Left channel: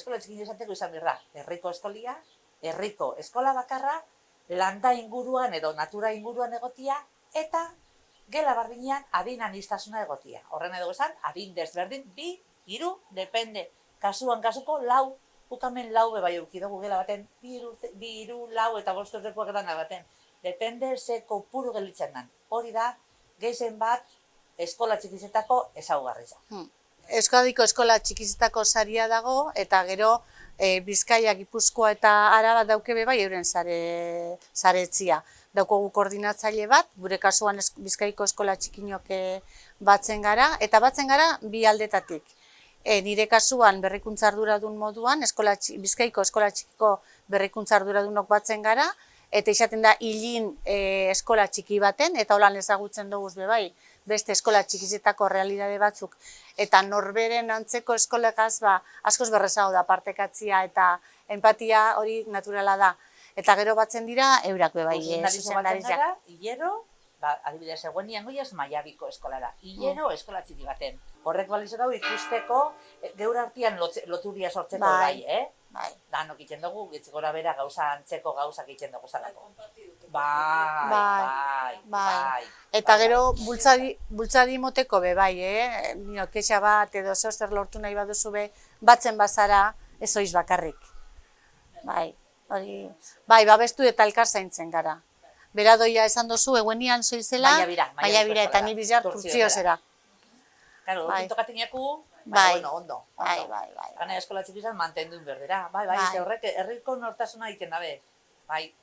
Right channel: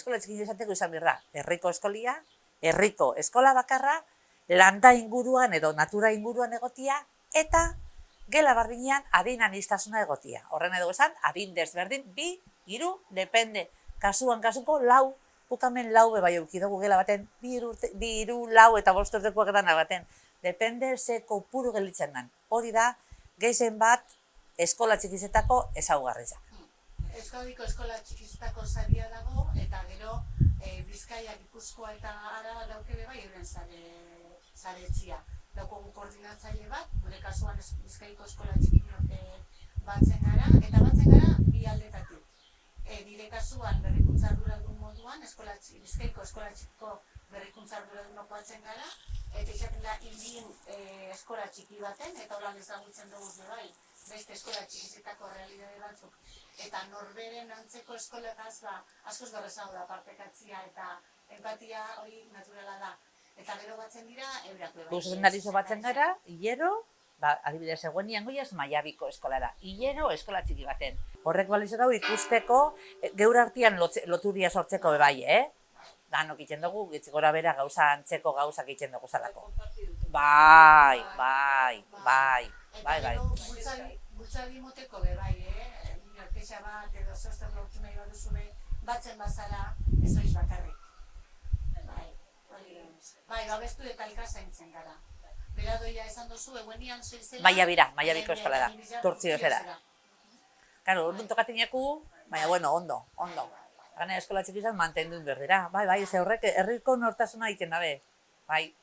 eskola txikin izateko izan behar da, herriko eskola bakarra, landa inguruan edo natura inguruan egotia, eta gela bardinean adin anistasuna egotia. Horren edo esan, adin desberdin, 2, 3, depende. Kasuko lau, bukamen lau bebai eukidugu gela baten, 2, 3, lau eta 5 urtekoak dana baten. Depende ze kopuru gelitzen dan. Hori da, gehien bat eskola txikizetako ezaugarritza. Euskadiko eskola txikizetako saria dago, eta gero Bizkaia, Gipuzkoa eta Araba dauke bai euren saretzia. Daukogu koordinatzaile bat, gure kasuan Bizkaiko eskola txikinok batzen gara, eta batzen gara bi aldetatik. Nire kasuan berrikuntza arduradun moduan, Bizkaiko eskola txikiko berrikuntza arduradunok batzen gara, eta izaten da hilin eskola txiki baten, eta holan ezagutzen dugu bai, beste eskola txikizetako realidade batzuk, eta norberen antzeko eskolekaz askoz berrezago da partekatzia eta empatia hori naturala da. Eta gero batzen dira eurak bai. Zuzendarizo batzen gara, hilero, adibidez eguenian goiaz Maiabiko eskolara, hilero eskola txiki baten. Horrek balizo gau ikusteko, geur artian loturia sortzeko bai, danok egiten dugu, gora bera antzeko gauzak egiten dugu zalako. Bai. Eta gero bultzadi moteko bai, kexa bat edo zer lortu nahi baduzu batzen bazara ez oiz bakarrik. Bai, babestu eta elkar zaintzen gara. Beradoia esan dozu, eguenian zoizela, Maiabira eta ni bizar kurtziozera. Karo, tokateneaku, baina ondo. Gana eskola txikizan mantendu berdera. Bai, ze horrek herriko nortasuna egiten dabe. Bai.